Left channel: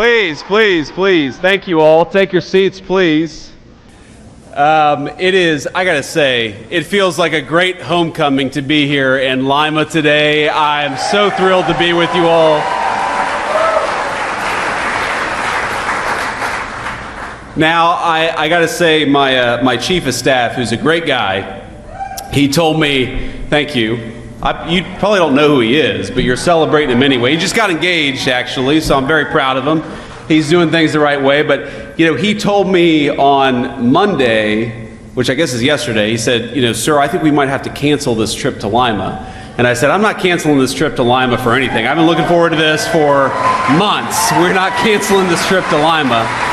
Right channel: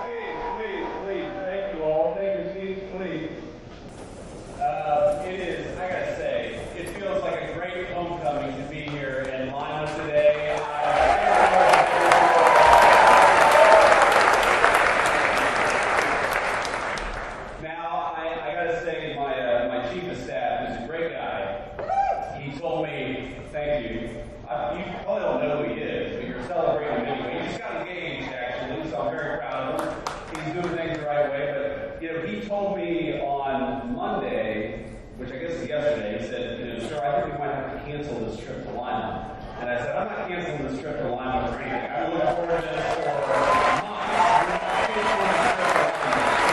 Please, please, please. Thank you all. Take your seats, please. I gotta say, it feels like a great homecoming to be here in Lima today. I am so thrilled to be with you all. Now, I gotta say, my chief of staff, who's a great guy, he told me, thank you. You probably don't know who he is, but you're celebrating him anyway. He just got engaged, actually, so I'm very proud of him. He's doing things the right way, but he told me on Monday, which I guess is yesterday, he said, sir, I think we might have to cancel this trip to Lima. And I said, I'm not canceling this trip to Lima for anything. I've been looking forward to this for months. We're not canceling this trip to Lima.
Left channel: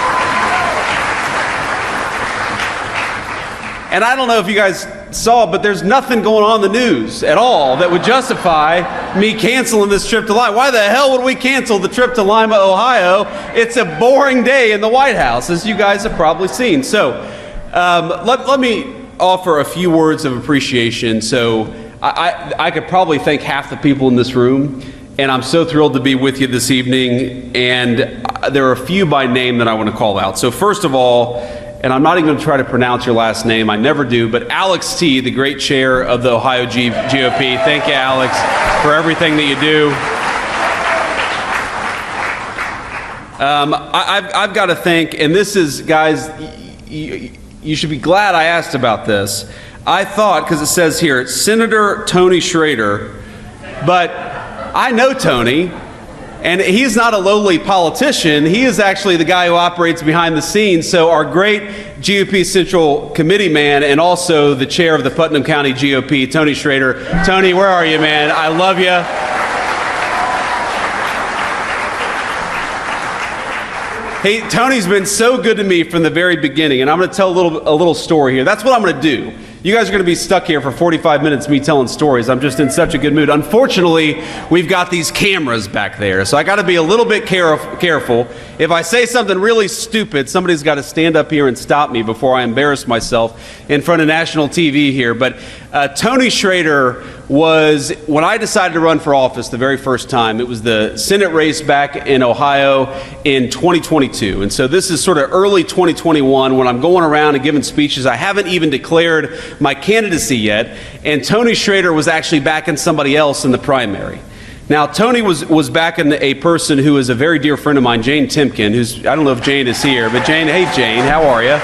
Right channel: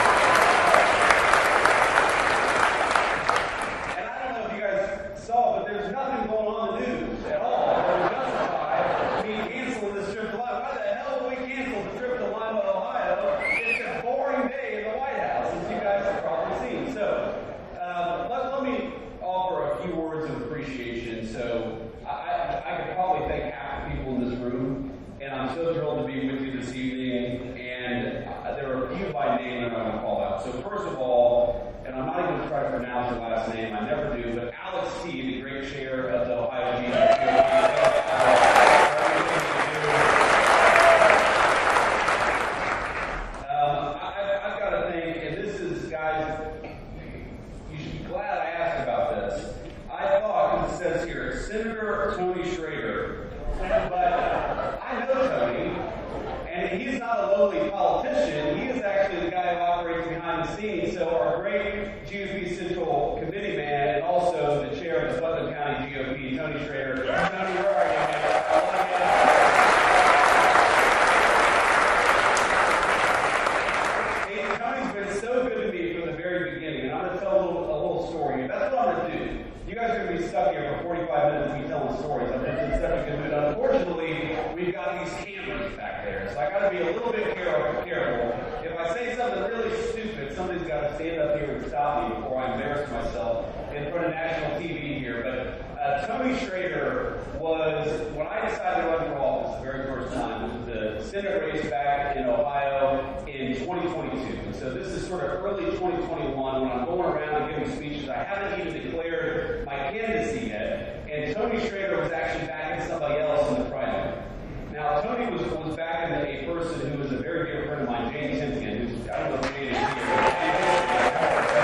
And I don't know if you guys saw, but there's nothing going on in the news at all that would justify me canceling this trip to Lima. Why the hell would we cancel the trip to Lima, Ohio? It's a boring day in the White House, as you guys have probably seen. So let me offer a few words of appreciation. So I could probably thank half the people in this room, and I'm so thrilled to be with you this evening. And there are a few by name that I want to call out. So first of all, and I'm not even going to try to pronounce your last name, I never do, but Alex T., the great chair of the Ohio GOP. Thank you, Alex, for everything that you do. I've got to thank, and this is, guys, you should be glad I asked about this. I thought, because it says here, Senator Tony Schrader, but I know Tony. And he's not a lowly politician. He is actually the guy who operates behind the scenes. So our great GOP Central Committee man and also the chair of the Putnam County GOP, Tony Schrader. Tony, where are you, man? I love you. Hey, Tony's been so good to me from the very beginning, and I'm going to tell a little story here. That's what I'm going to do. You guys are going to be stuck here for 45 minutes me telling stories. I'm just in such a good mood. Unfortunately, we've got these cameras back there, so I got to be a little bit careful. If I say something really stupid, somebody's got to stand up here and stop me before I embarrass myself in front of national TV here. But Tony Schrader was, when I decided to run for office the very first time, it was the Senate race back in Ohio in 2022. And so this is sort of early 2021 when I'm going around and giving speeches. I haven't even declared my candidacy yet, and Tony Schrader was actually backing somebody else in the primary. Now, Tony was backing a person who is a very dear friend of mine, Jane Timken, who's, I don't know if Jane is here, but Jane, hey Jane, how are you?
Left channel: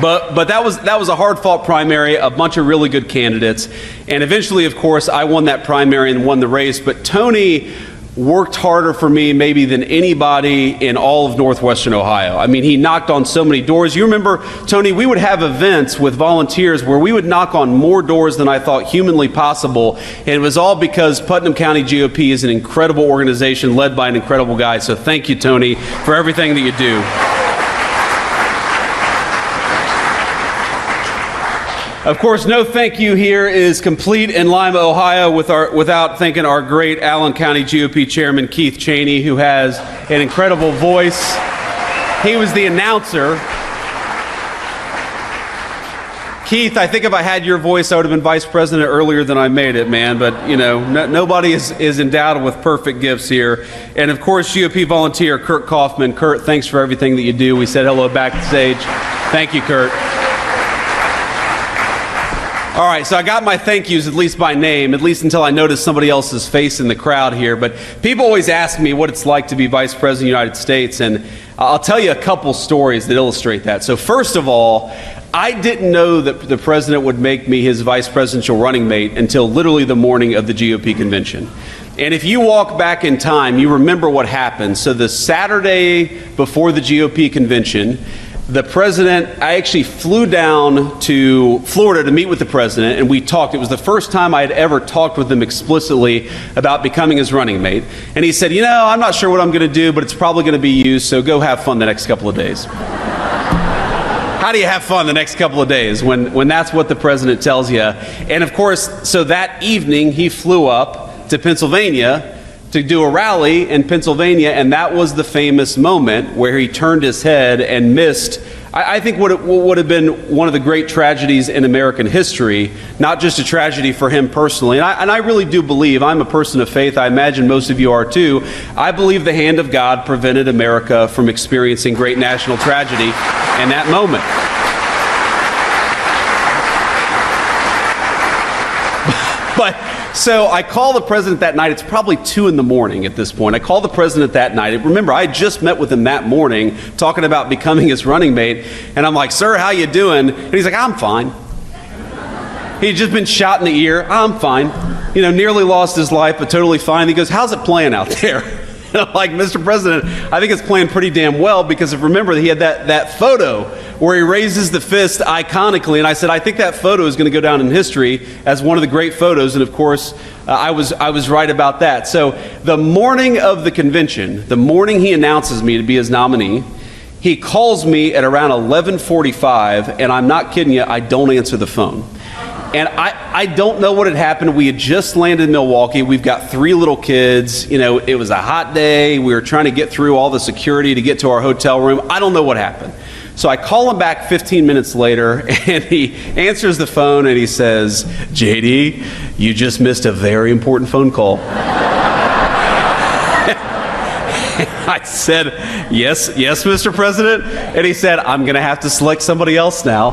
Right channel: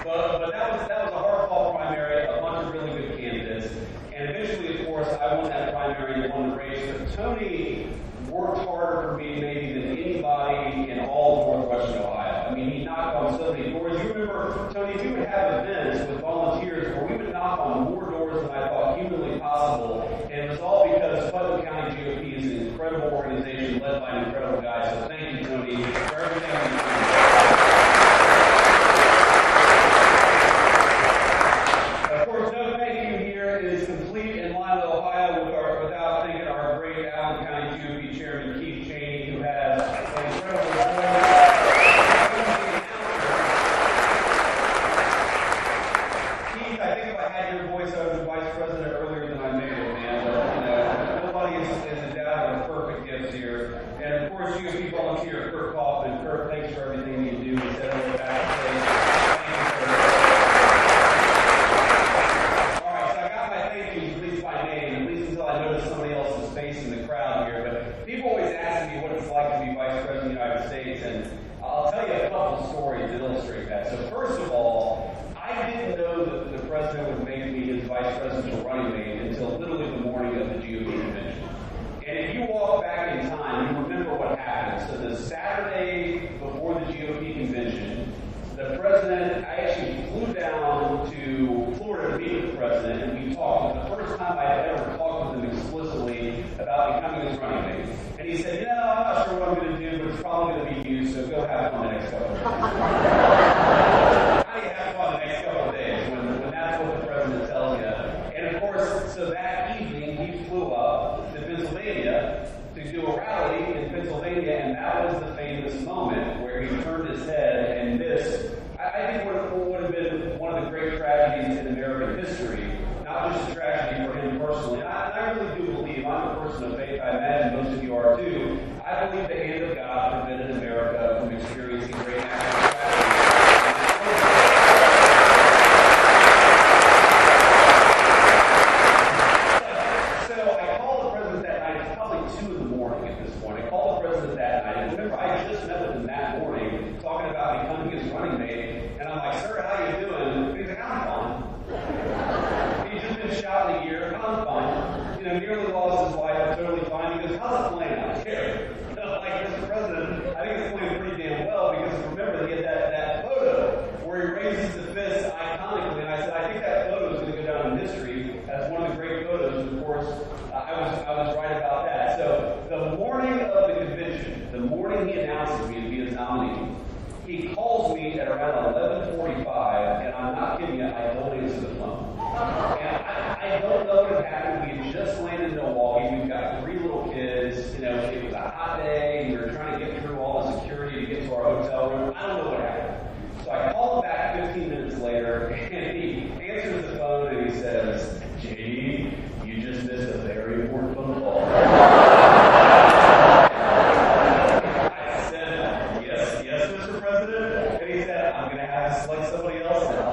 But that was a hard-fought primary, a bunch of really good candidates, and eventually, of course, I won that primary and won the race, but Tony worked harder for me maybe than anybody in all of Northwestern Ohio. I mean, he knocked on so many doors. You remember, Tony, we would have events with volunteers where we would knock on more doors than I thought humanly possible, and it was all because Putnam County GOP is an incredible organization led by an incredible guy. So thank you, Tony, for everything that you do. Of course, no thank you here is complete in Lima, Ohio without thanking our great Allen County GOP Chairman Keith Cheney, who has an incredible voice. He was the announcer. Keith, I think if I had your voice, I would have been vice president earlier than I made it, man. But, nobody is endowed with perfect gifts here. And, of course, GOP volunteer Kurt Kaufman. Kurt, thanks for everything that you do. We said hello backstage. Thank you, Kurt. All right, so I got my thank yous, at least by name, at least until I noticed somebody else's face in the crowd here. But people always ask me what it's like to be Vice President of the United States, and I'll tell you a couple stories that illustrate that. So first of all, I didn't know that the president would make me his vice presidential running mate until literally the morning of the GOP convention. And if you walk back in time, you remember what happened. So the Saturday before the GOP convention, the president, I actually flew down to Florida to meet with the president, and we talked. It was the first time I had ever talked with him explicitly about becoming his running mate. And he said, I'm not sure what I'm going to do, but it's probably going to be you, so go have fun the next couple of days. How do you have fun the next couple of days when that's what the president tells you? And of course, so that evening he flew up to Pennsylvania to do a rally in Pennsylvania, and that was the famous moment where he turned his head and missed I think what would have been one of the great tragedies in American history, not just a tragedy for him personally, and I really do believe, I'm a person of faith, I imagine most of you are too, I believe the hand of God prevented America from experiencing great national tragedy in that moment. But so I call the president that night. It's probably 2 in the morning at this point. I call the president that night. Remember, I just met with him that morning talking about becoming his running mate. And I'm like, sir, how you doing? And he's like, I'm fine. He'd just been shot in the ear. I'm fine. You know, nearly lost his life, but totally fine. He goes, how's it playing out there? And I'm like, Mr. President, I think it's playing pretty damn well, because if remember, he had that photo where he raises the fist iconically, and I said, I think that photo is going to go down in history as one of the great photos, and of course, I was right about that. So the morning of the convention, the morning he announces me to be his nominee, he calls me at around 11:45, and I'm not kidding you, I don't answer the phone. And I don't know what had happened. We had just landed in Milwaukee. We've got 3 little kids. You know, it was a hot day. We were trying to get through all the security to get to our hotel room. I don't know what happened. So I call him back 15 minutes later, and he answers the phone, and he says, JD, you just missed a very important phone call. I said, yes, Mr. President. And he said, I'm going to have to select somebody else now.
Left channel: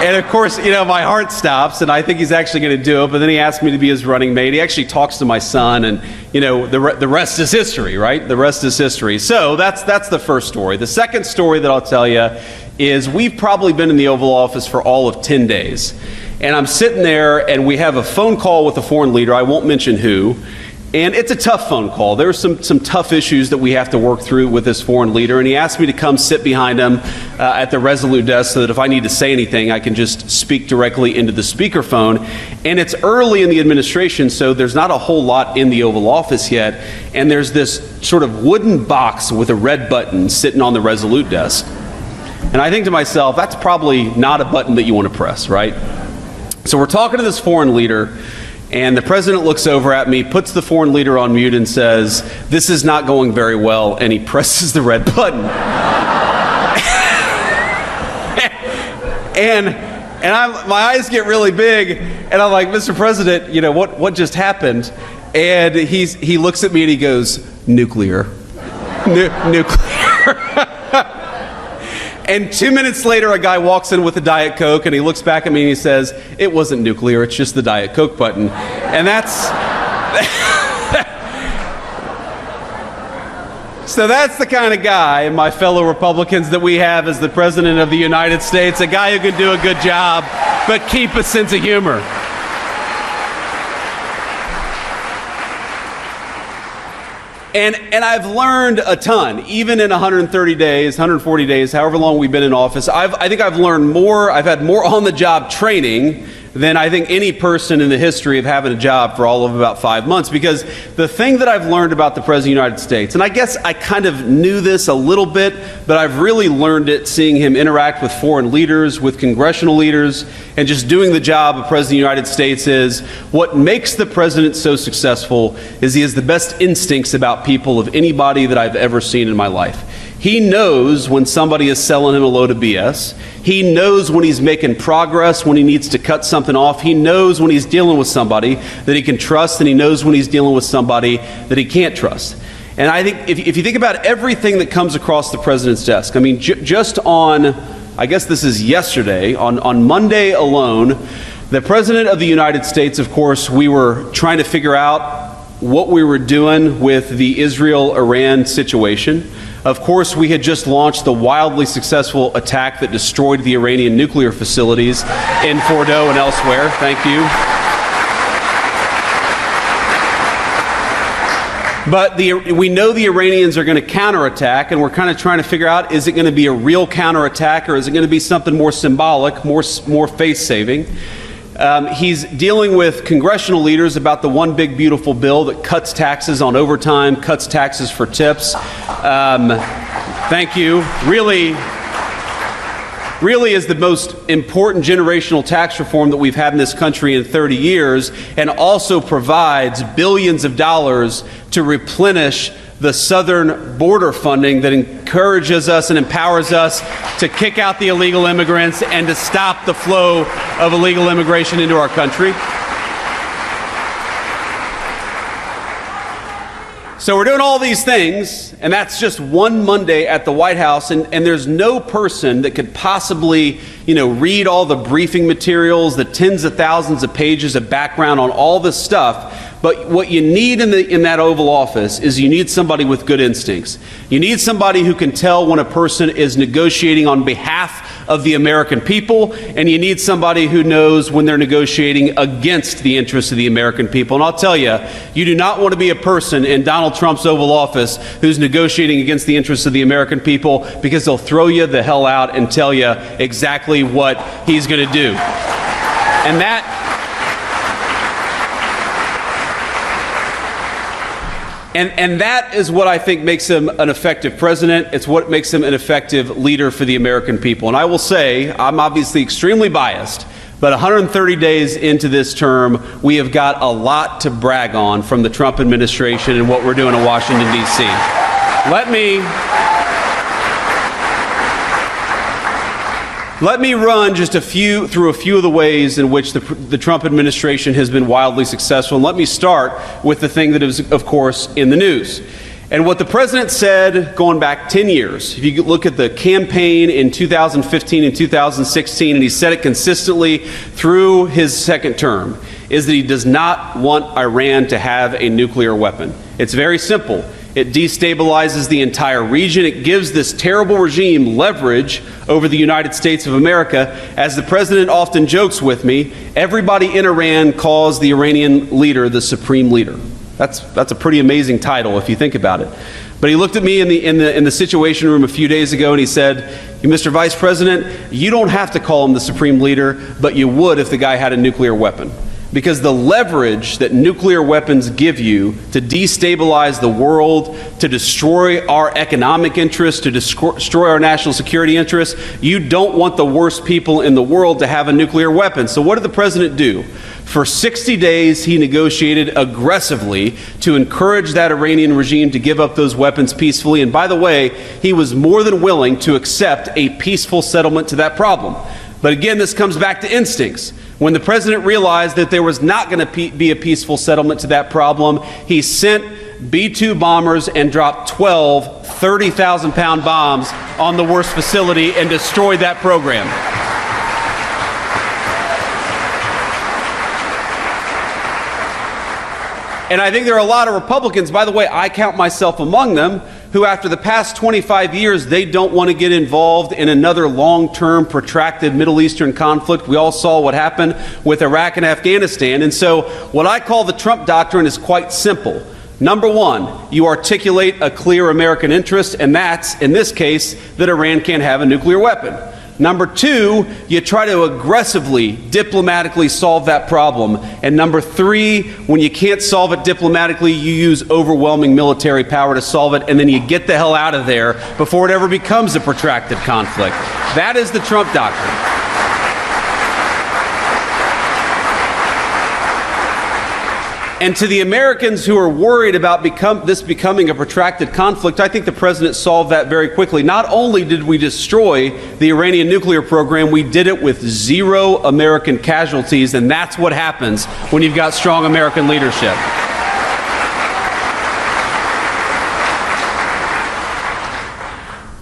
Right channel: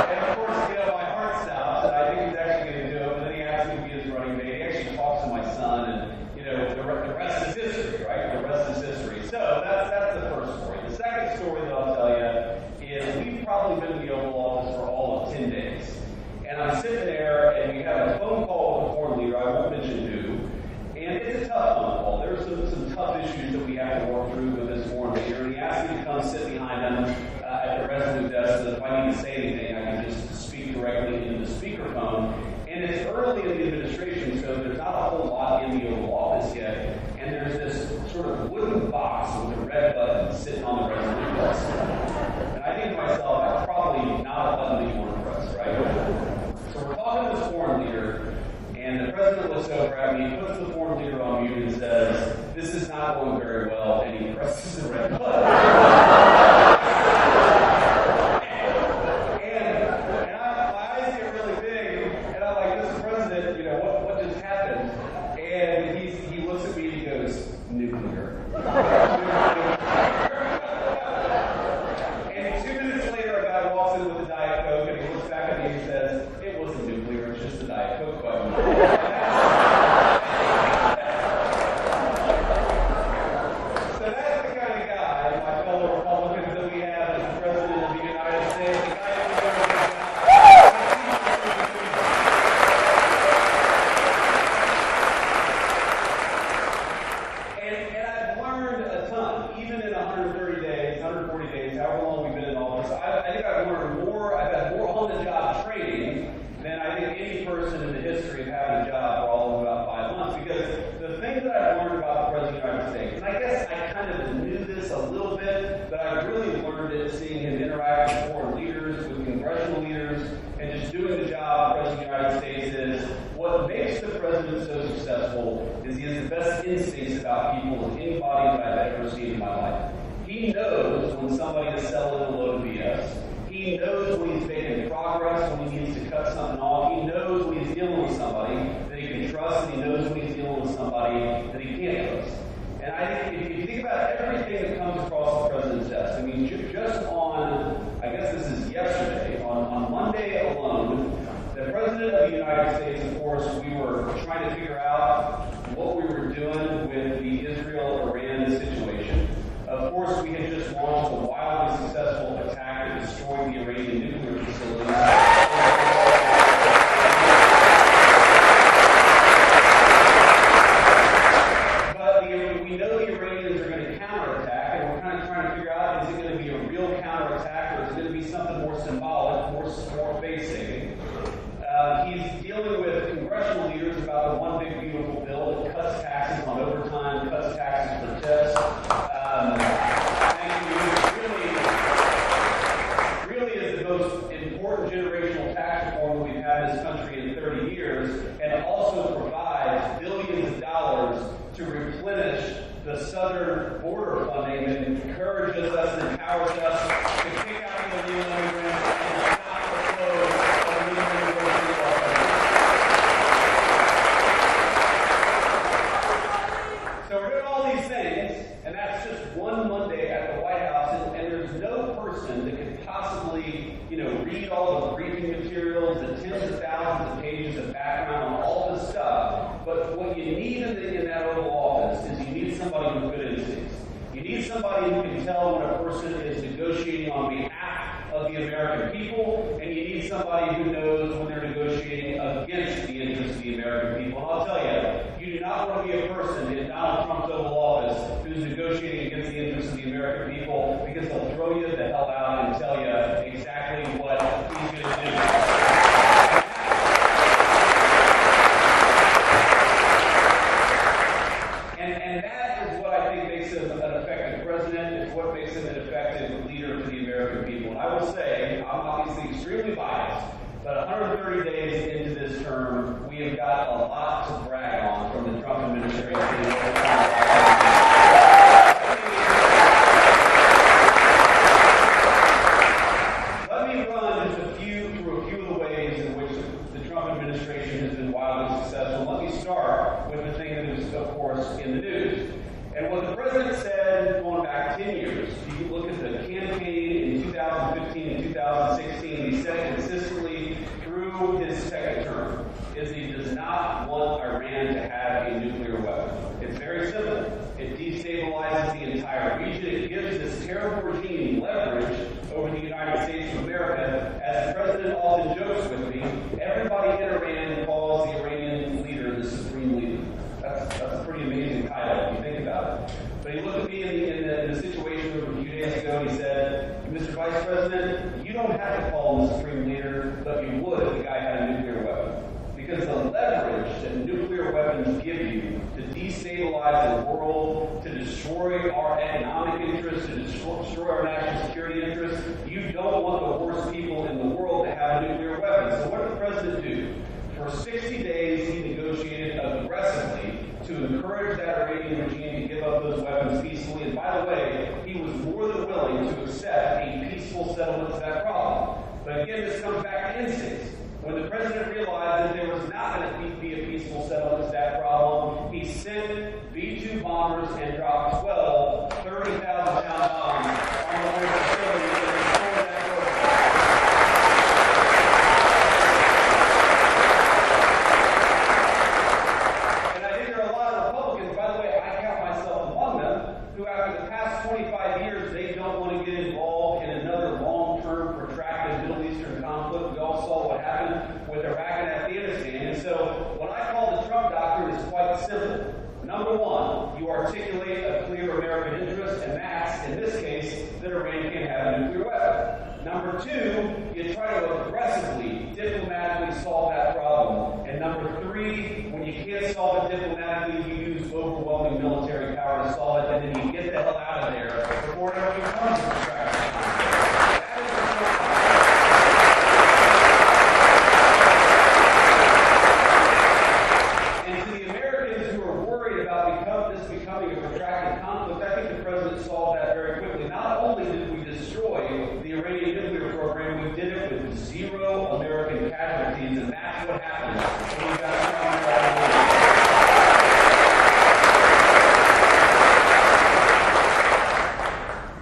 And of course, you know, my heart stops, and I think he's actually going to do it. But then he asked me to be his running mate. He actually talks to my son, and you know, the rest is history, right? The rest is history. So that's the first story. The second story that I'll tell you is we've probably been in the Oval Office for all of 10 days. And I'm sitting there, and we have a phone call with a foreign leader. I won't mention who. And it's a tough phone call. There are some tough issues that we have to work through with this foreign leader. And he asked me to come sit behind him at the Resolute desk so that if I need to say anything, I can just speak directly into the speakerphone. And it's early in the administration, so there's not a whole lot in the Oval Office yet. And there's this sort of wooden box with a red button sitting on the Resolute desk. And I think to myself, that's probably not a button that you want to press, right? So we're talking to this foreign leader. And the president looks over at me, puts the foreign leader on mute, and says, this is not going very well, and he presses the red button. and my eyes get really big, and I'm like, Mr. President, you know, what just happened? And he looks at me and he goes, nuclear. Nuclear. And 2 minutes later, a guy walks in with a Diet Coke, and he looks back at me and he says, it wasn't nuclear, it's just the Diet Coke button. And so that's the kind of guy, my fellow Republicans, that we have as the President of the United States, a guy who can do a good job, but keep a sense of humor. And I've learned a ton, even in 130 days, 140 days, however long we've been in office. I think I've learned more, I've had more on-the-job training than I think any person in the history of having a job for all of about 5 months. Because the thing that I've learned about the President of the United States, and I guess I kind of knew this a little bit, but I've really learned it seeing him interact with foreign leaders, with congressional leaders, and just doing the job of President of the United States is what makes the President so successful is he has the best instincts about people of anybody that I've ever seen in my life. He knows when somebody is selling him a load of BS. He knows when he's making progress, when he needs to cut something off. He knows when he's dealing with somebody that he can trust, and he knows when he's dealing with somebody that he can't trust. And I think if you think about everything that comes across the president's desk, I mean, just on, I guess this is yesterday, on Monday alone, the President of the United States, of course, we were trying to figure out what we were doing with the Israel-Iran situation. Of course, we had just launched the wildly successful attack that destroyed the Iranian nuclear facilities in Fordow and elsewhere. Thank you. But we know the Iranians are going to counterattack, and we're kind of trying to figure out, is it going to be a real counterattack, or is it going to be something more symbolic, more face-saving? He's dealing with congressional leaders about the one big beautiful bill that cuts taxes on overtime, cuts taxes for tips. Thank you. Really is the most important generational tax reform that we've had in this country in 30 years, and also provides billions of dollars to replenish the southern border funding that encourages us and empowers us to kick out the illegal immigrants and to stop the flow of illegal immigration into our country. So we're doing all these things, and that's just one Monday at the White House, and there's no person that could possibly, read all the briefing materials, the tens of thousands of pages of background on all this stuff. But what you need in that Oval Office is you need somebody with good instincts. You need somebody who can tell when a person is negotiating on behalf of the American people, and you need somebody who knows when they're negotiating against the interests of the American people. And I'll tell you, you do not want to be a person in Donald Trump's Oval Office who's negotiating against the interests of the American people, because they'll throw you the hell out and tell you exactly what he's going to do. And that is what I think makes him an effective president. It's what makes him an effective leader for the American people. And I will say, I'm obviously extremely biased, but 130 days into this term, we have got a lot to brag on from the Trump administration and what we're doing in Washington, D.C. Let me run just through a few of the ways in which the Trump administration has been wildly successful. And let me start with the thing that is, of course, in the news. And what the president said going back 10 years, if you look at the campaign in 2015 and 2016, and he said it consistently through his second term, is that he does not want Iran to have a nuclear weapon. It's very simple. It destabilizes the entire region. It gives this terrible regime leverage over the United States of America. As the president often jokes with me, everybody in Iran calls the Iranian leader the supreme leader. That's a pretty amazing title if you think about it. But he looked at me in the Situation Room a few days ago and he said, Mr. Vice President, you don't have to call him the supreme leader, but you would if the guy had a nuclear weapon. Because the leverage that nuclear weapons give you to destabilize the world, to destroy our economic interests, to destroy our national security interests, you don't want the worst people in the world to have a nuclear weapon. So what did the president do? For 60 days, he negotiated aggressively to encourage that Iranian regime to give up those weapons peacefully. And by the way, he was more than willing to accept a peaceful settlement to that problem. But again, this comes back to instincts. When the president realized that there was not going to be a peaceful settlement to that problem, he sent B-2 bombers and dropped 12 30,000-pound bombs on the worst facility and destroyed that program. And I think there are a lot of Republicans, by the way, I count myself among them, who after the past 25 years, they don't want to get involved in another long-term, protracted Middle Eastern conflict. We all saw what happened with Iraq and Afghanistan. And so what I call the Trump doctrine is quite simple. Number one, you articulate a clear American interest, and that's, in this case, that Iran can't have a nuclear weapon. Number two, you try to aggressively, diplomatically solve that problem. And number three, when you can't solve it diplomatically, you use overwhelming military power to solve it, and then you get the hell out of there before it ever becomes a protracted conflict. That is the Trump doctrine. And to the Americans who are worried about this becoming a protracted conflict, I think the president solved that very quickly. Not only did we destroy the Iranian nuclear program, we did it with 0 American casualties, and that's what happens when you've got strong American leadership.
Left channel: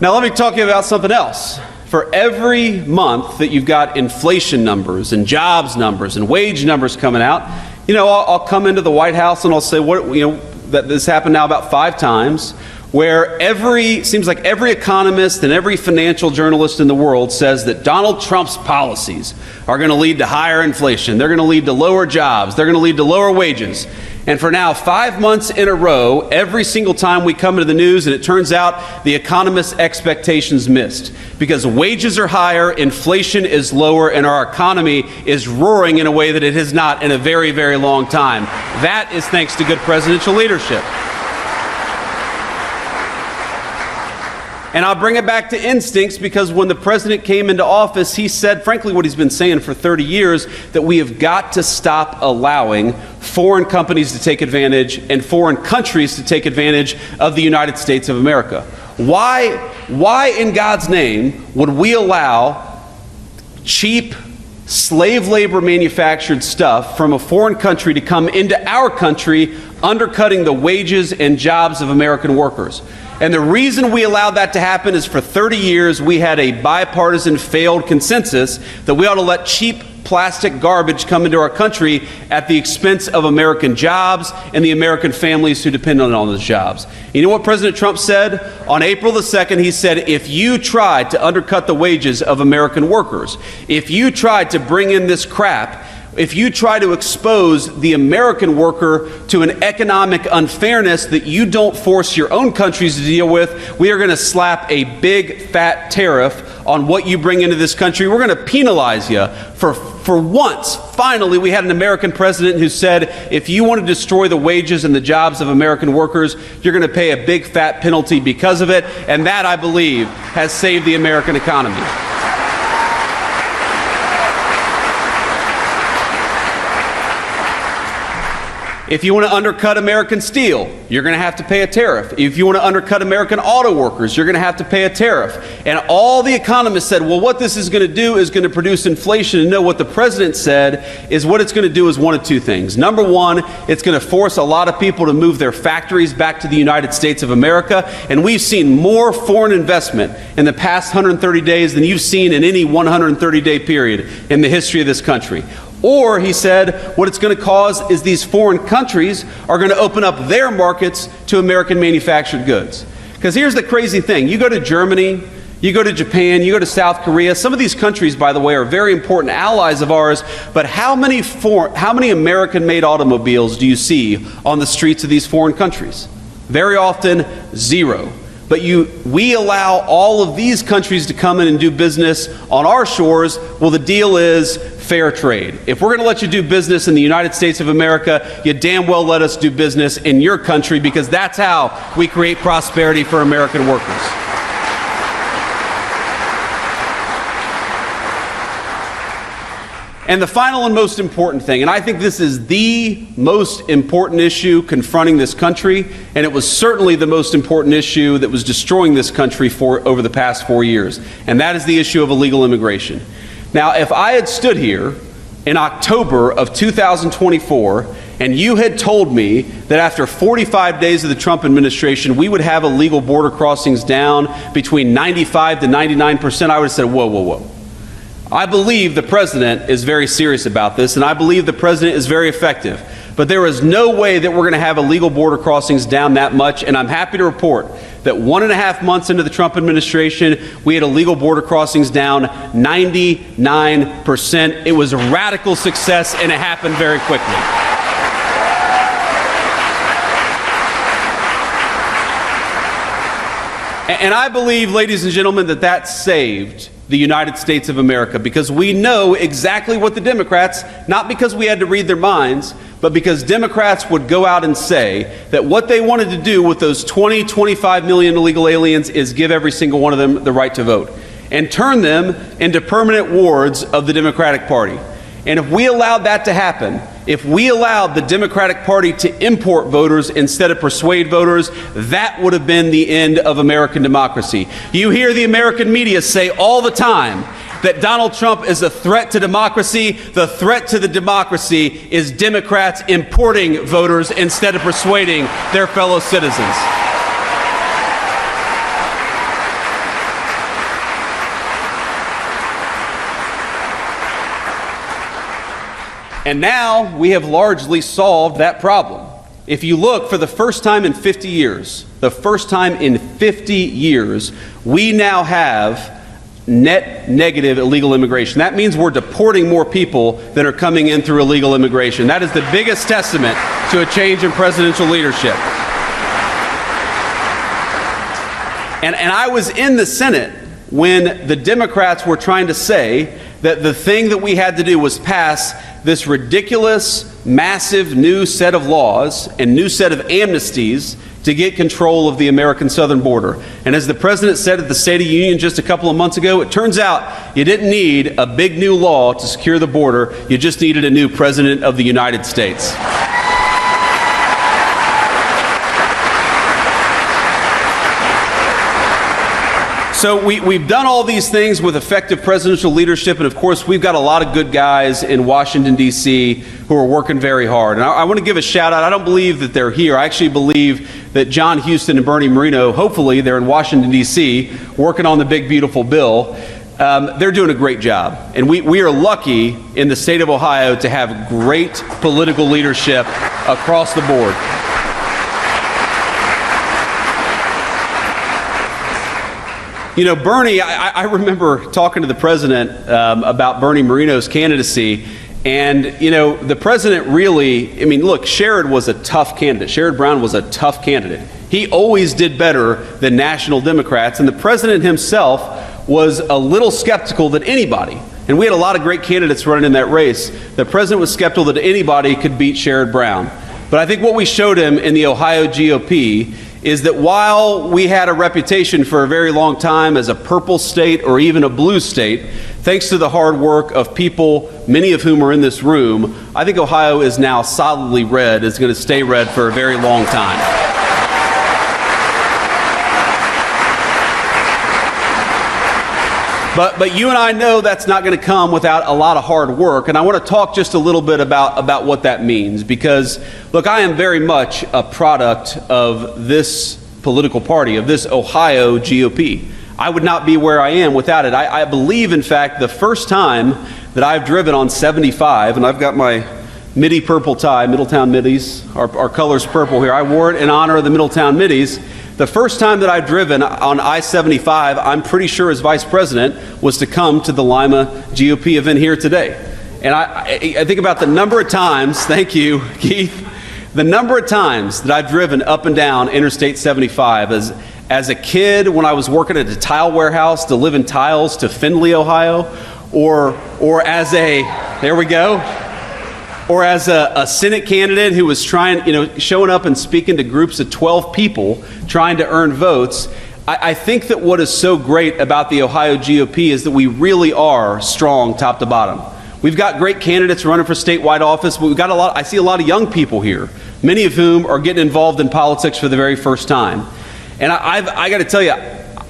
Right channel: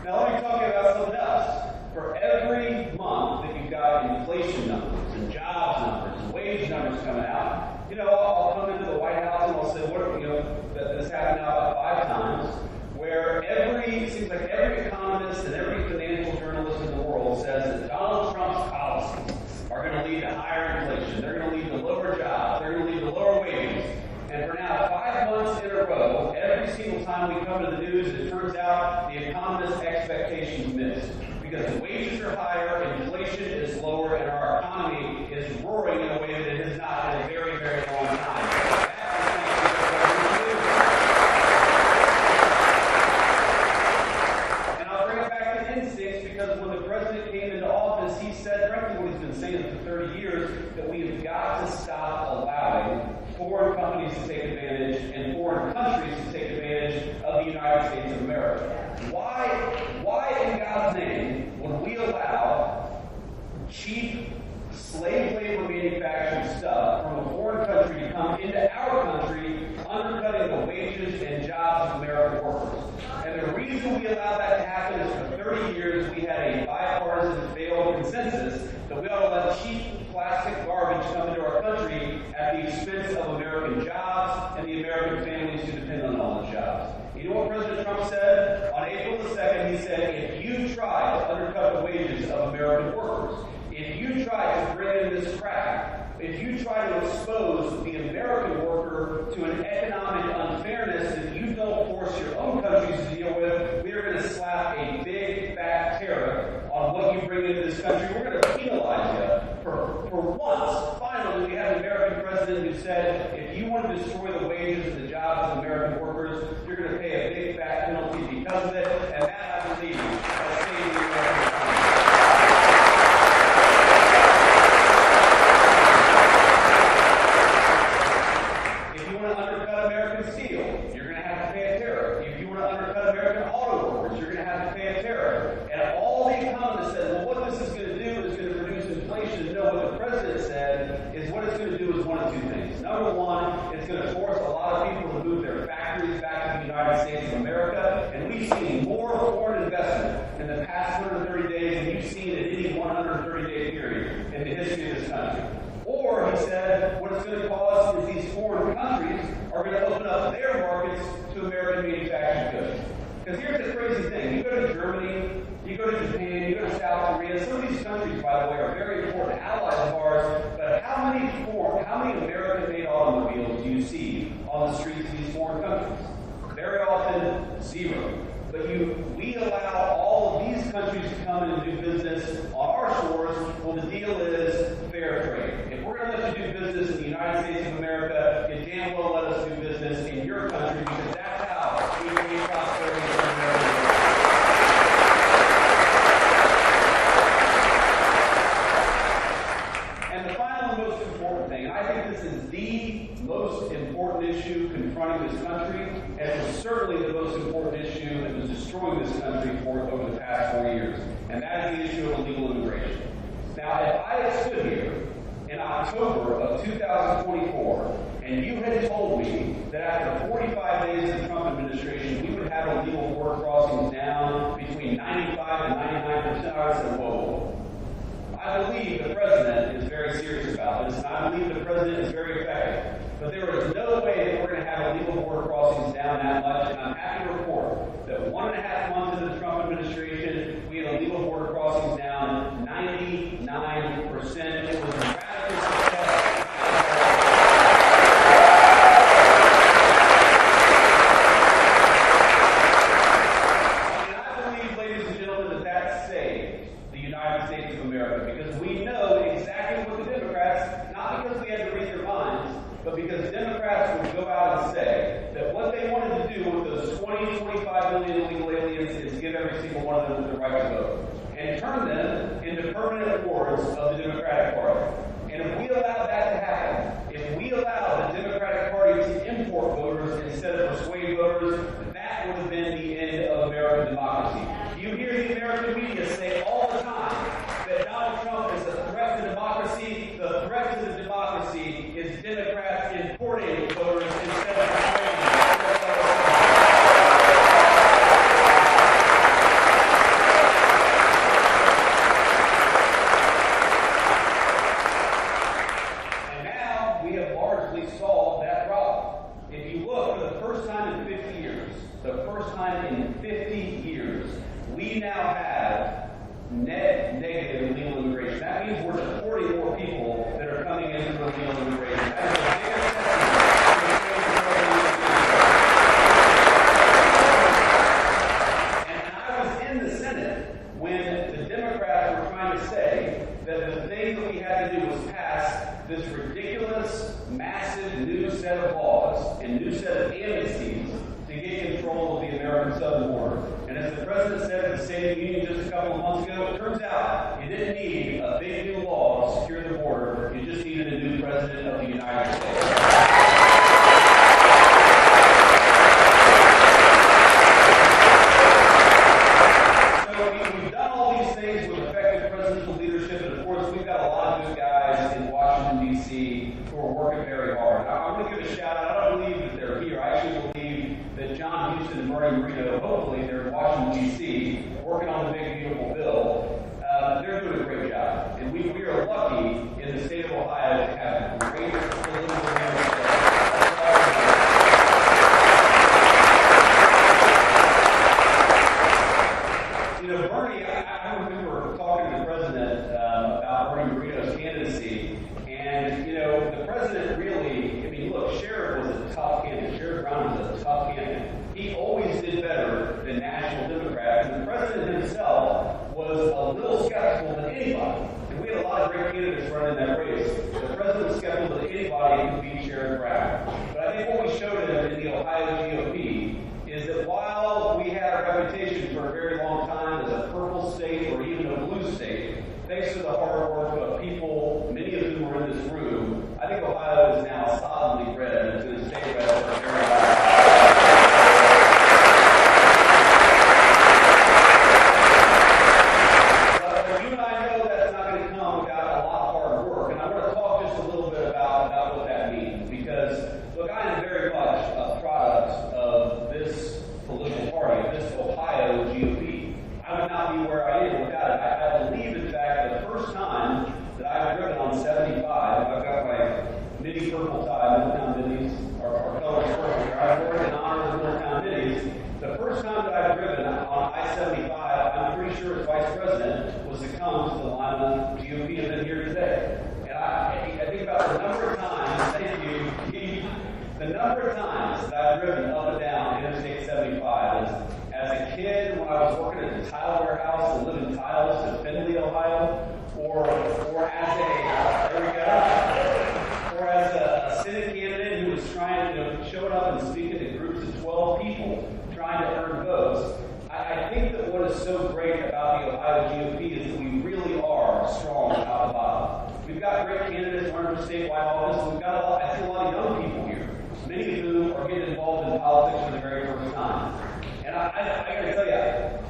Now let me talk to you about something else. For every month that you've got inflation numbers and jobs numbers and wage numbers coming out, I'll come into the White House and I'll say, that this happened now about 5 times, where seems like every economist and every financial journalist in the world says that Donald Trump's policies are going to lead to higher inflation. They're going to lead to lower jobs. They're going to lead to lower wages. And for now, 5 months in a row, every single time we come into the news, and it turns out the economists' expectations missed. Because wages are higher, inflation is lower, and our economy is roaring in a way that it has not in a very, very long time. That is thanks to good presidential leadership. And I'll bring it back to instincts because when the president came into office, he said, frankly, what he's been saying for 30 years, that we have got to stop allowing foreign companies to take advantage and foreign countries to take advantage of the United States of America. Why in God's name would we allow cheap slave labor manufactured stuff from a foreign country to come into our country, undercutting the wages and jobs of American workers? And the reason we allowed that to happen is for 30 years we had a bipartisan failed consensus that we ought to let cheap plastic garbage come into our country at the expense of American jobs and the American families who depend on those jobs. You know what President Trump said? On April the 2nd, he said, if you tried to undercut the wages of American workers, if you tried to bring in this crap, if you try to expose the American worker to an economic unfairness that you don't force your own countries to deal with, we are going to slap a big fat tariff on what you bring into this country. We're going to penalize you. For once, finally, we had an American president who said, if you want to destroy the wages and the jobs of American workers, you're going to pay a big fat penalty because of it. And that, I believe, has saved the American economy. If you want to undercut American steel, you're going to have to pay a tariff. If you want to undercut American auto workers, you're going to have to pay a tariff. And all the economists said, well, what this is going to do is going to produce inflation. And no, what the president said is what it's going to do is one of two things. Number one, it's going to force a lot of people to move their factories back to the United States of America. And we've seen more foreign investment in the past 130 days than you've seen in any 130-day period in the history of this country. Or, he said, what it's going to cause is these foreign countries are going to open up their markets to American manufactured goods. Because here's the crazy thing. You go to Germany, you go to Japan, you go to South Korea. Some of these countries, by the way, are very important allies of ours. But how many American-made automobiles do you see on the streets of these foreign countries? Very often, zero. But we allow all of these countries to come in and do business on our shores. Well, the deal is fair trade. If we're going to let you do business in the United States of America, you damn well let us do business in your country, because that's how we create prosperity for American workers. And the final and most important thing, and I think this is the most important issue confronting this country, and it was certainly the most important issue that was destroying this country over the past 4 years, and that is the issue of illegal immigration. Now, if I had stood here in October of 2024 and you had told me that after 45 days of the Trump administration we would have illegal border crossings down between 95 to 99%, I would have said, whoa, whoa, whoa. I believe the president is very serious about this, and I believe the president is very effective. But there is no way that we're going to have illegal border crossings down that much, and I'm happy to report that 1.5 months into the Trump administration, we had illegal border crossings down 99%. It was a radical success, and it happened very quickly. And I believe, ladies and gentlemen, that saved the United States of America, because we know exactly what the Democrats, not because we had to read their minds, but because Democrats would go out and say that what they wanted to do with those 25 million illegal aliens is give every single one of them the right to vote and turn them into permanent wards of the Democratic Party. And if we allowed that to happen, if we allowed the Democratic Party to import voters instead of persuade voters, that would have been the end of American democracy. You hear the American media say all the time that Donald Trump is a threat to democracy. The threat to the democracy is Democrats importing voters instead of persuading their fellow citizens. And now we have largely solved that problem. If you look, for the first time in 50 years, we now have net negative illegal immigration. That means we're deporting more people than are coming in through illegal immigration. That is the biggest testament to a change in presidential leadership. And I was in the Senate when the Democrats were trying to say that the thing that we had to do was pass this ridiculous, massive new set of laws and new set of amnesties to get control of the American southern border. And as the president said at the State of the Union just a couple of months ago, it turns out you didn't need a big new law to secure the border. You just needed a new president of the United States. So we've done all these things with effective presidential leadership, and of course we've got a lot of good guys in Washington, D.C. who are working very hard. And I want to give a shout out. I don't believe that they're here. I actually believe that John Houston and Bernie Moreno, hopefully they're in Washington, D.C., working on the big, beautiful bill. They're doing a great job. And we are lucky in the state of Ohio to have great political leadership across the board. You know, Bernie, I remember talking to the president about Bernie Moreno's candidacy, and, you know, the president really, I mean, look, Sherrod was a tough candidate. Sherrod Brown was a tough candidate. He always did better than national Democrats, and the president himself was a little skeptical that anybody, and we had a lot of great candidates running in that race, the president was skeptical that anybody could beat Sherrod Brown. But I think what we showed him in the Ohio GOP is that while we had a reputation for a very long time as a purple state or even a blue state, thanks to the hard work of people, many of whom are in this room, I think Ohio is now solidly red. It's going to stay red for a very long time. But you and I know that's not going to come without a lot of hard work, and I want to talk just a little bit about what that means, because, look, I am very much a product of this political party, of this Ohio GOP. I would not be where I am without it. I believe, in fact, the first time that I've driven on 75, and I've got my Midi purple tie, Middletown Middies, our color's purple here. I wore it in honor of the Middletown Middies. The first time that I've driven on I-75, I'm pretty sure as vice president, was to come to the Lima GOP event here today. And I think about the number of times, thank you, Keith, the number of times that I've driven up and down Interstate 75 as a kid when I was working at a tile warehouse delivering tiles to Findlay, Ohio, or as a, there we go, or as a Senate candidate who was trying, showing up and speaking to groups of 12 people trying to earn votes. I think that what is so great about the Ohio GOP is that we really are strong top to bottom. We've got great candidates running for statewide office, but we've got I see a lot of young people here, many of whom are getting involved in politics for the very first time. And I got to tell you,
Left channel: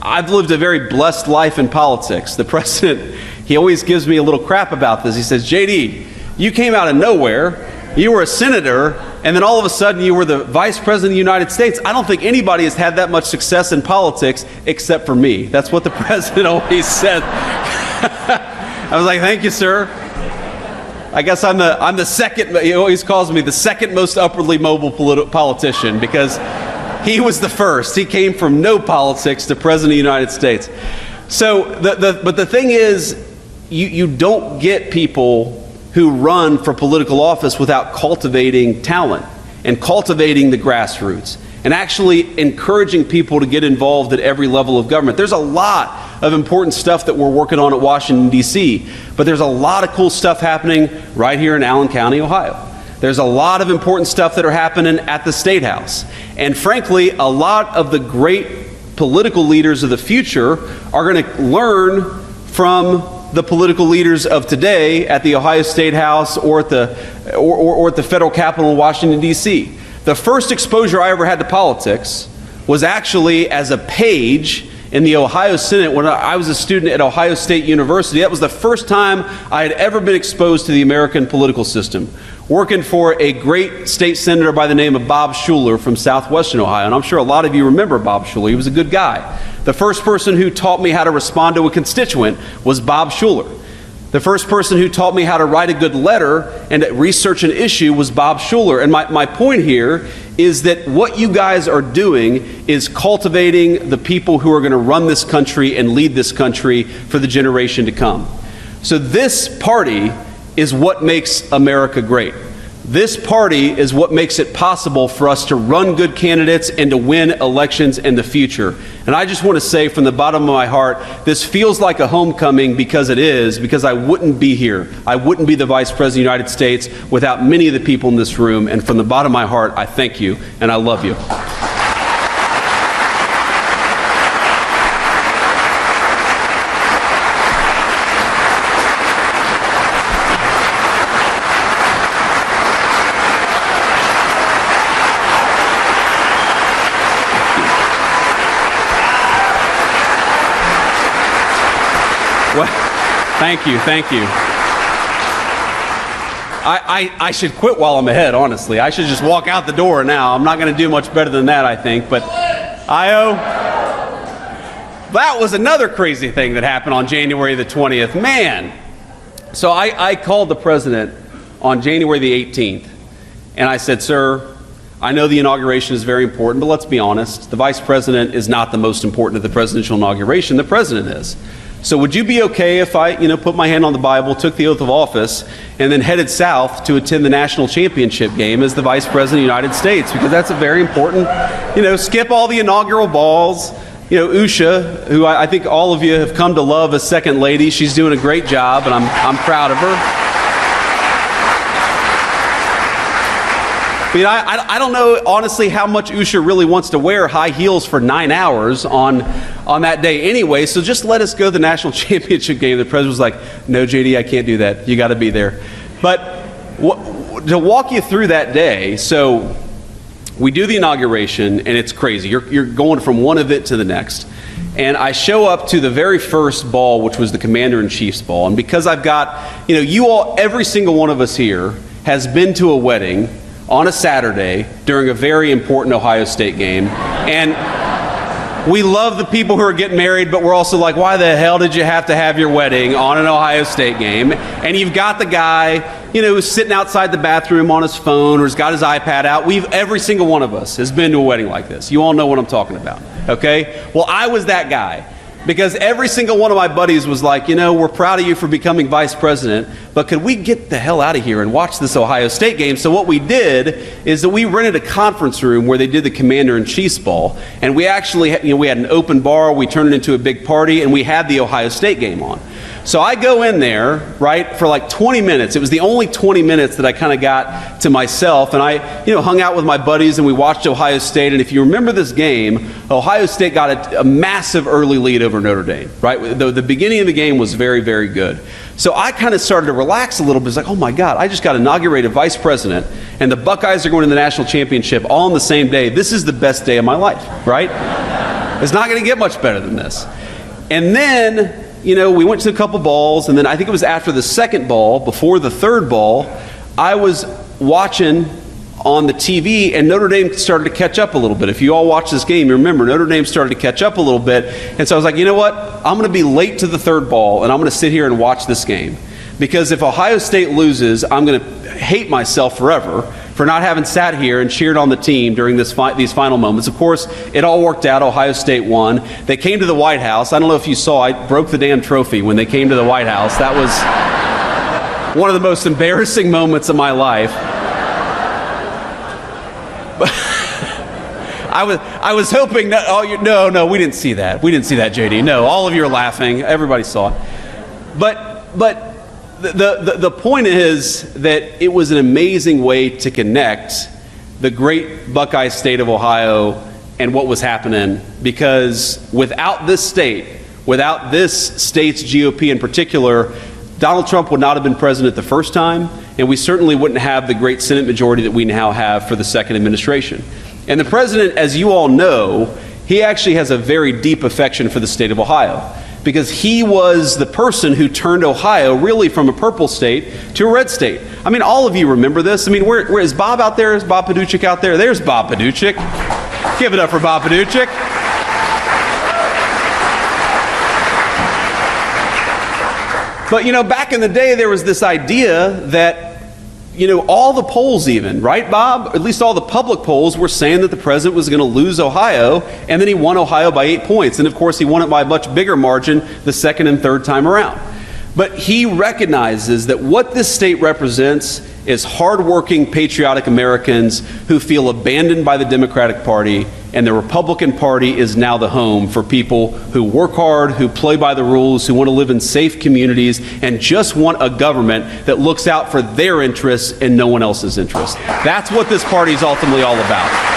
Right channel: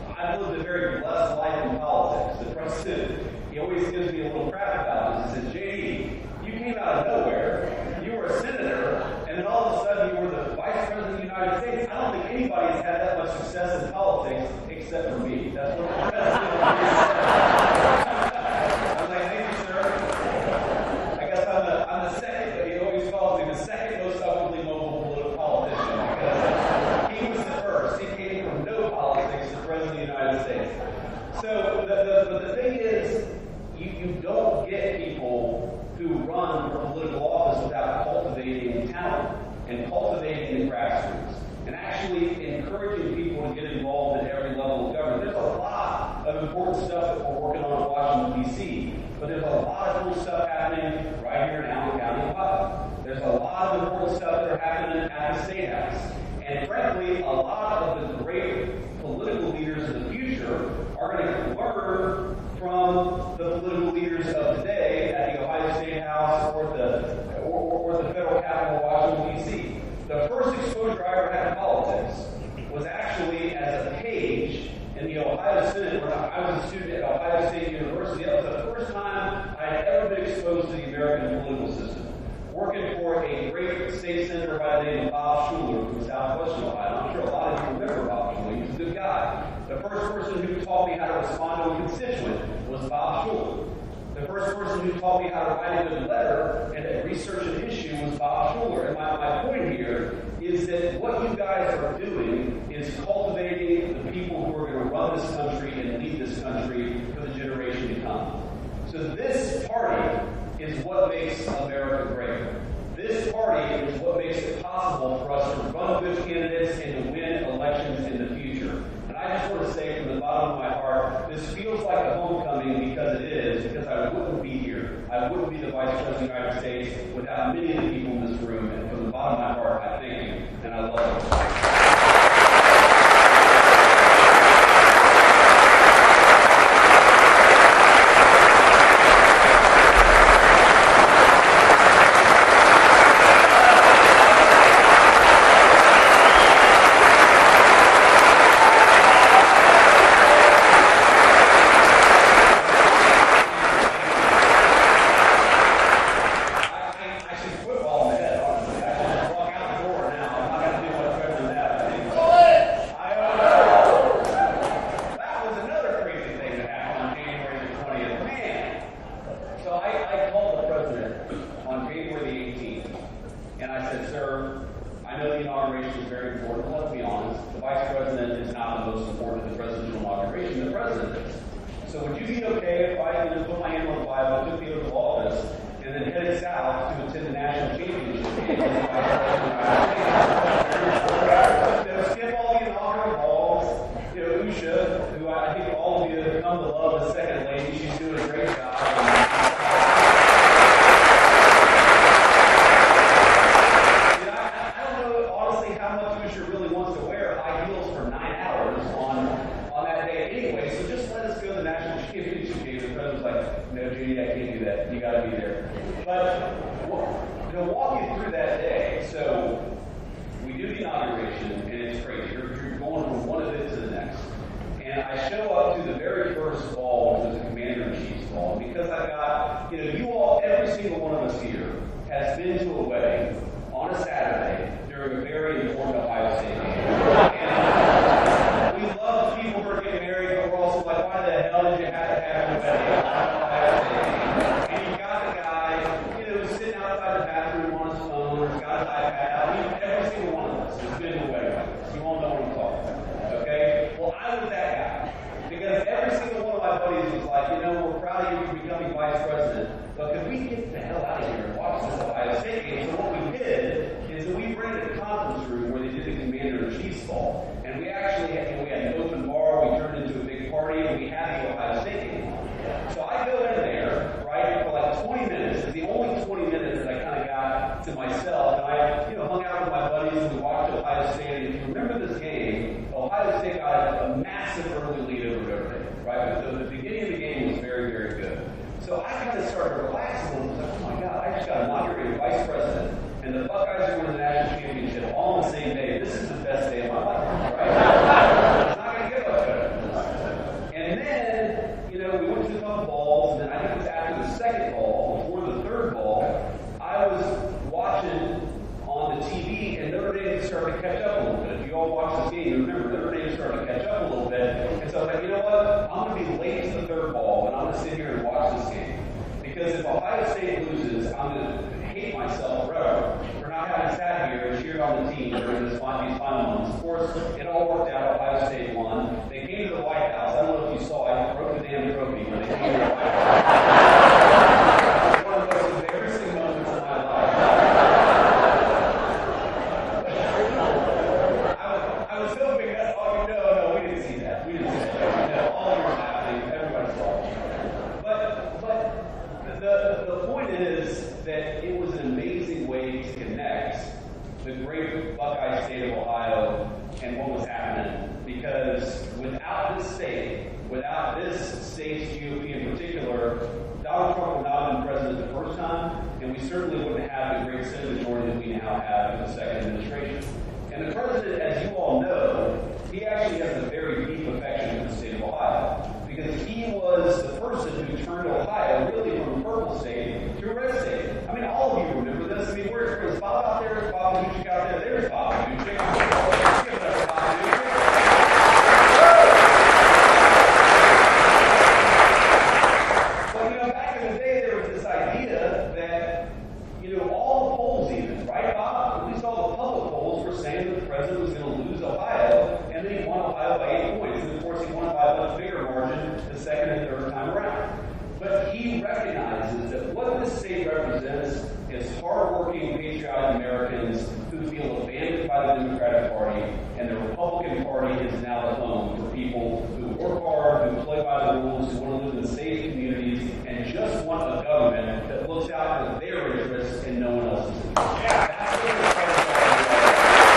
I've lived a very blessed life in politics. The president, he always gives me a little crap about this. He says, JD, you came out of nowhere, you were a senator, and then all of a sudden you were the vice president of the United States. I don't think anybody has had that much success in politics except for me. That's what the president always said. I was like, thank you, sir. I guess I'm the second, he always calls me the second most upwardly mobile politician, because he was the first. He came from no politics to president of the United States. So, but the thing is, you don't get people who run for political office without cultivating talent and cultivating the grassroots and actually encouraging people to get involved at every level of government. There's a lot of important stuff that we're working on at Washington, D.C., but there's a lot of cool stuff happening right here in Allen County, Ohio. There's a lot of important stuff that are happening at the State House. And frankly, a lot of the great political leaders of the future are going to learn from the political leaders of today at the Ohio State House or at the federal Capitol in Washington, D.C. The first exposure I ever had to politics was actually as a page in the Ohio Senate when I was a student at Ohio State University. That was the first time I had ever been exposed to the American political system, working for a great state senator by the name of Bob Schuller from southwestern Ohio. And I'm sure a lot of you remember Bob Schuller. He was a good guy. The first person who taught me how to respond to a constituent was Bob Schuller. The first person who taught me how to write a good letter and research an issue was Bob Schuller. And my point here is that what you guys are doing is cultivating the people who are going to run this country and lead this country for the generation to come. So this party is what makes America great. This party is what makes it possible for us to run good candidates and to win elections in the future. And I just want to say from the bottom of my heart, this feels like a homecoming because it is, because I wouldn't be here. I wouldn't be the Vice President of the United States without many of the people in this room. And from the bottom of my heart, I thank you and I love you. Thank you, thank you. I should quit while I'm ahead, honestly. I should just walk out the door now. I'm not going to do much better than that, I think. But that was another crazy thing that happened on January the 20th. Man. So I called the president on January the 18th, and I said, sir, I know the inauguration is very important, but let's be honest. The vice president is not the most important at the presidential inauguration. The president is. So would you be okay if I, put my hand on the Bible, took the oath of office, and then headed south to attend the national championship game as the vice president of the United States? Because that's a very important, skip all the inaugural balls. Usha, who I think all of you have come to love as second lady, she's doing a great job, and I'm proud of her. I don't know, honestly, how much Usha really wants to wear high heels for 9 hours on that day anyway, so just let us go to the national championship game. The president was like, no, JD, I can't do that. You got to be there. But to walk you through that day, so we do the inauguration, and it's crazy. You're going from one event to the next. And I show up to the very first ball, which was the Commander-in-Chief's ball. And because I've got, you all, every single one of us here has been to a wedding on a Saturday during a very important Ohio State game. And we love the people who are getting married, but we're also like, why the hell did you have to have your wedding on an Ohio State game? And you've got the guy, who's sitting outside the bathroom on his phone or has got his iPad out. Every single one of us has been to a wedding like this. You all know what I'm talking about, okay? Well, I was that guy. Because every single one of my buddies was like, we're proud of you for becoming vice president, but could we get the hell out of here and watch this Ohio State game? So what we did is that we rented a conference room where they did the Commander-in-Chief's ball, and we actually, we had an open bar, we turned it into a big party, and we had the Ohio State game on. So I go in there, right, for like 20 minutes. It was the only 20 minutes that I kind of got to myself. And I, hung out with my buddies and we watched Ohio State. And if you remember this game, Ohio State got a massive early lead over Notre Dame, right? The beginning of the game was very, very good. So I kind of started to relax a little bit. It's like, oh my God, I just got inaugurated vice president and the Buckeyes are going to the national championship all on the same day. This is the best day of my life, right? It's not going to get much better than this. And then, we went to a couple balls, and then I think it was after the second ball, before the third ball, I was watching on the TV, and Notre Dame started to catch up a little bit. If you all watch this game, you remember Notre Dame started to catch up a little bit, and so I was like, you know what? I'm going to be late to the third ball, and I'm going to sit here and watch this game. Because if Ohio State loses, I'm going to hate myself forever for not having sat here and cheered on the team during these final moments. Of course, it all worked out. Ohio State won. They came to the White House. I don't know if you saw, I broke the damn trophy when they came to the White House. That was one of the most embarrassing moments of my life. I was hoping that, no, we didn't see that. We didn't see that, JD. No, all of you are laughing. Everybody saw it. But the point is that it was an amazing way to connect the great Buckeye state of Ohio and what was happening, because without this state's GOP in particular, Donald Trump would not have been president the first time, and we certainly wouldn't have the great Senate majority that we now have for the second administration. And the president, as you all know, he actually has a very deep affection for the state of Ohio, because he was the person who turned Ohio really from a purple state to a red state. I mean, all of you remember this. I mean, where is Bob out there? Is Bob Paduchik out there? There's Bob Paduchik. Give it up for Bob Paduchik. But, back in the day, there was this idea that, all the polls even, right, Bob? At least all the public polls were saying that the president was going to lose Ohio, and then he won Ohio by 8 points. And, of course, he won it by a much bigger margin the second and third time around. But he recognizes that what this state represents is hardworking, patriotic Americans who feel abandoned by the Democratic Party, and the Republican Party is now the home for people who work hard, who play by the rules, who want to live in safe communities, and just want a government that looks out for their interests and no one else's interests. That's what this party is ultimately all about.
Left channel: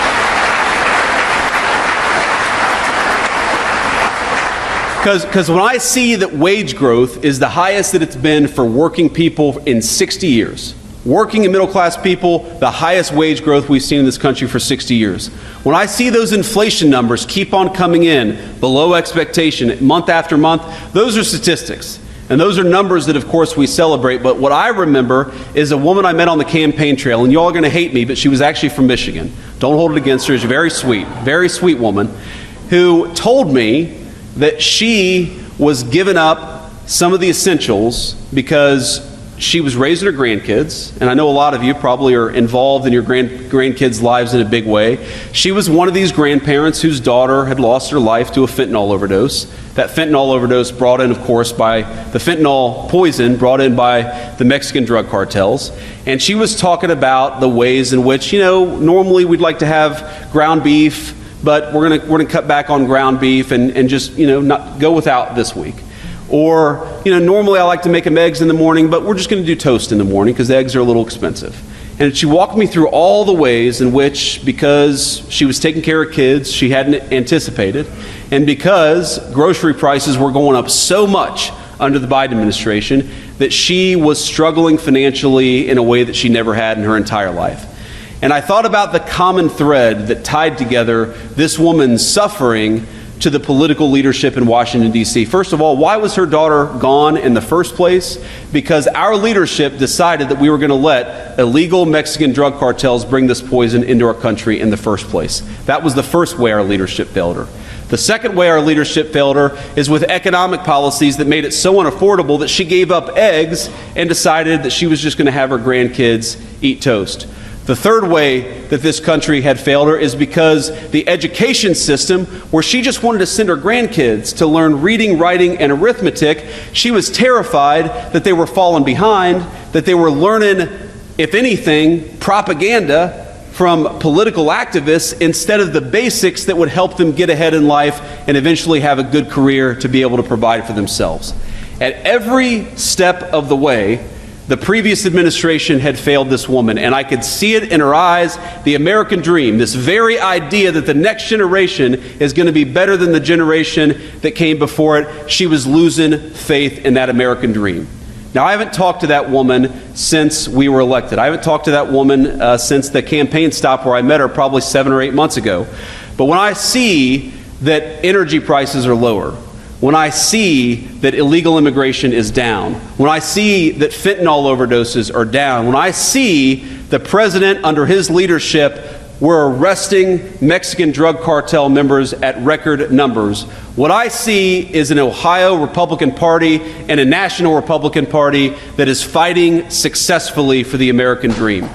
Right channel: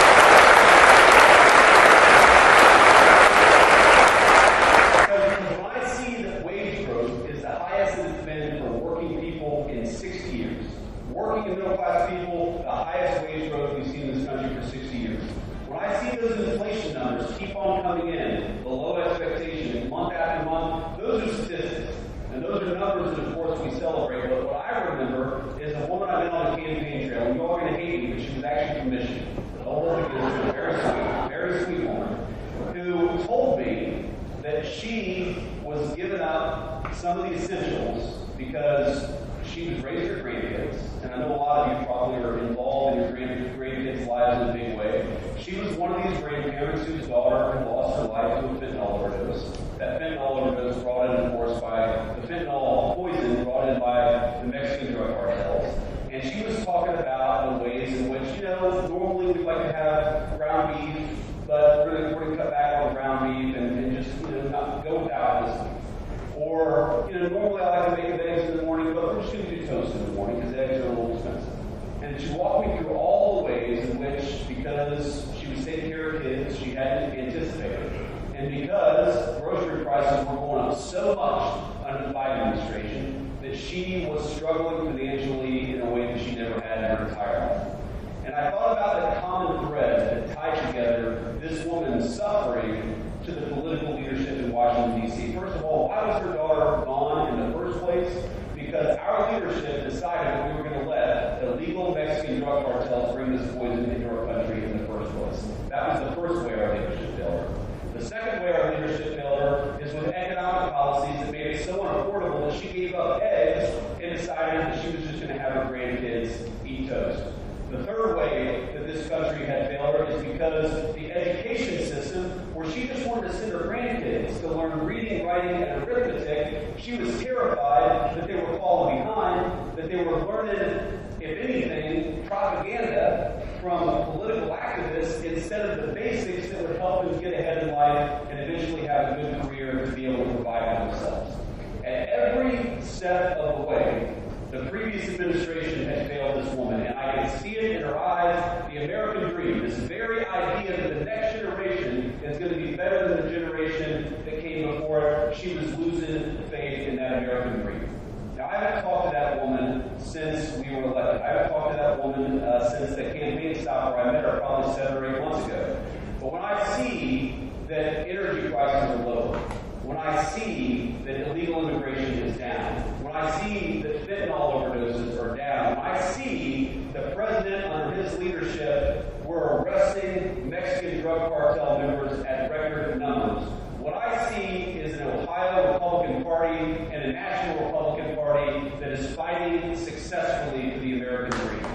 Because when I see that wage growth is the highest that it's been for working people in 60 years, working and middle class people, the highest wage growth we've seen in this country for 60 years. When I see those inflation numbers keep on coming in below expectation month after month, those are statistics. And those are numbers that, of course, we celebrate. But what I remember is a woman I met on the campaign trail, and you all are going to hate me, but she was actually from Michigan. Don't hold it against her. She's very sweet woman, who told me that she was giving up some of the essentials because she was raising her grandkids, and I know a lot of you probably are involved in your grandkids' lives in a big way. She was one of these grandparents whose daughter had lost her life to a fentanyl overdose. That fentanyl overdose brought in, of course, by the fentanyl poison brought in by the Mexican drug cartels. And she was talking about the ways in which, normally we'd like to have ground beef, but we're gonna cut back on ground beef and just, not go without this week. Or, normally I like to make them eggs in the morning, but we're just going to do toast in the morning because eggs are a little expensive. And she walked me through all the ways in which, because she was taking care of kids she hadn't anticipated, and because grocery prices were going up so much under the Biden administration, that she was struggling financially in a way that she never had in her entire life. And I thought about the common thread that tied together this woman's suffering to the political leadership in Washington, D.C. First of all, why was her daughter gone in the first place? Because our leadership decided that we were going to let illegal Mexican drug cartels bring this poison into our country in the first place. That was the first way our leadership failed her. The second way our leadership failed her is with economic policies that made it so unaffordable that she gave up eggs and decided that she was just going to have her grandkids eat toast. The third way that this country had failed her is because the education system, where she just wanted to send her grandkids to learn reading, writing, and arithmetic, she was terrified that they were falling behind, that they were learning, if anything, propaganda from political activists instead of the basics that would help them get ahead in life and eventually have a good career to be able to provide for themselves. At every step of the way, the previous administration had failed this woman, and I could see it in her eyes, the American dream, this very idea that the next generation is going to be better than the generation that came before it. She was losing faith in that American dream. Now, I haven't talked to that woman since we were elected. I haven't talked to that woman since the campaign stop where I met her probably 7 or 8 months ago. But when I see that energy prices are lower, when I see that illegal immigration is down, when I see that fentanyl overdoses are down, when I see the president under his leadership, we're arresting Mexican drug cartel members at record numbers, what I see is an Ohio Republican Party and a national Republican Party that is fighting successfully for the American dream.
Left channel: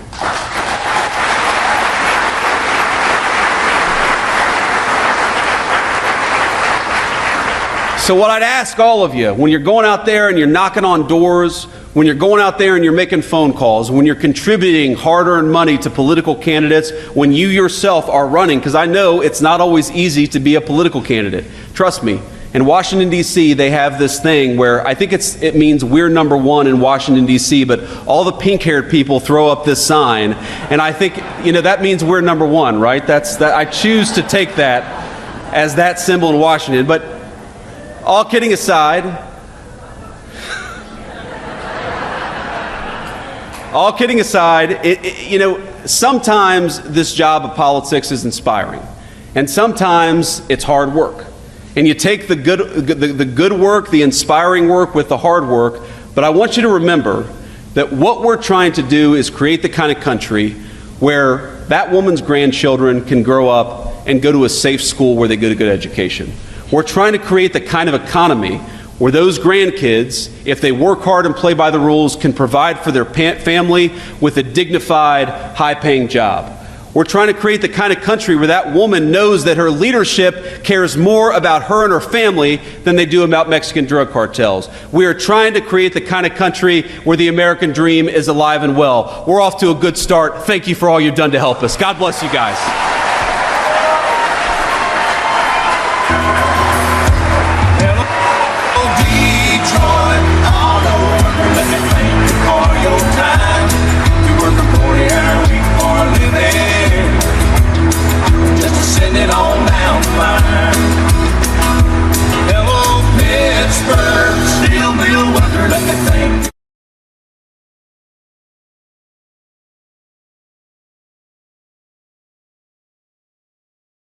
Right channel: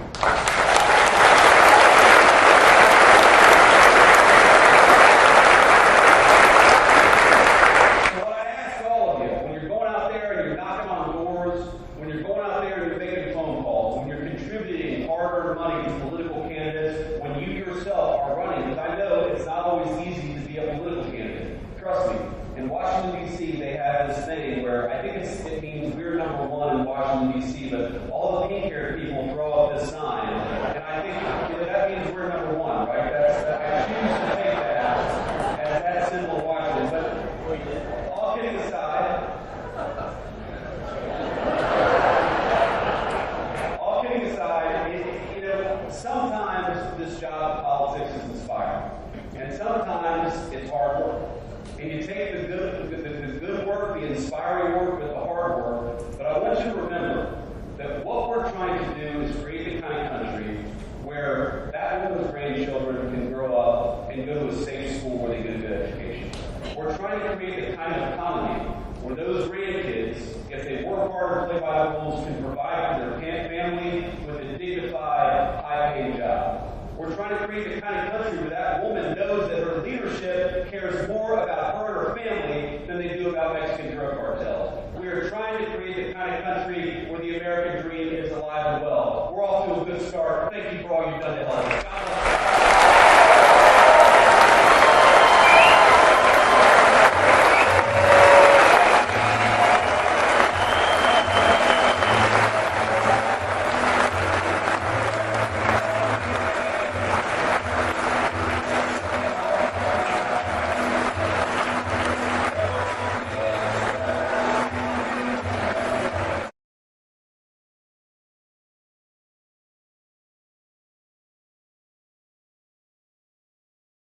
So what I'd ask all of you, when you're going out there and you're knocking on doors, when you're going out there and you're making phone calls, when you're contributing hard-earned money to political candidates, when you yourself are running, because I know it's not always easy to be a political candidate. Trust me. In Washington, D.C., they have this thing where I think it means we're number one in Washington, D.C., but all the pink-haired people throw up this sign, and I think, that means we're number one, right? I choose to take that as that symbol in Washington. But all kidding aside, sometimes this job of politics is inspiring, and sometimes it's hard work. And you take the good work, the inspiring work with the hard work, but I want you to remember that what we're trying to do is create the kind of country where that woman's grandchildren can grow up and go to a safe school where they get a good education. We're trying to create the kind of economy where those grandkids, if they work hard and play by the rules, can provide for their family with a dignified, high-paying job. We're trying to create the kind of country where that woman knows that her leadership cares more about her and her family than they do about Mexican drug cartels. We are trying to create the kind of country where the American dream is alive and well. We're off to a good start. Thank you for all you've done to help us. God bless you guys.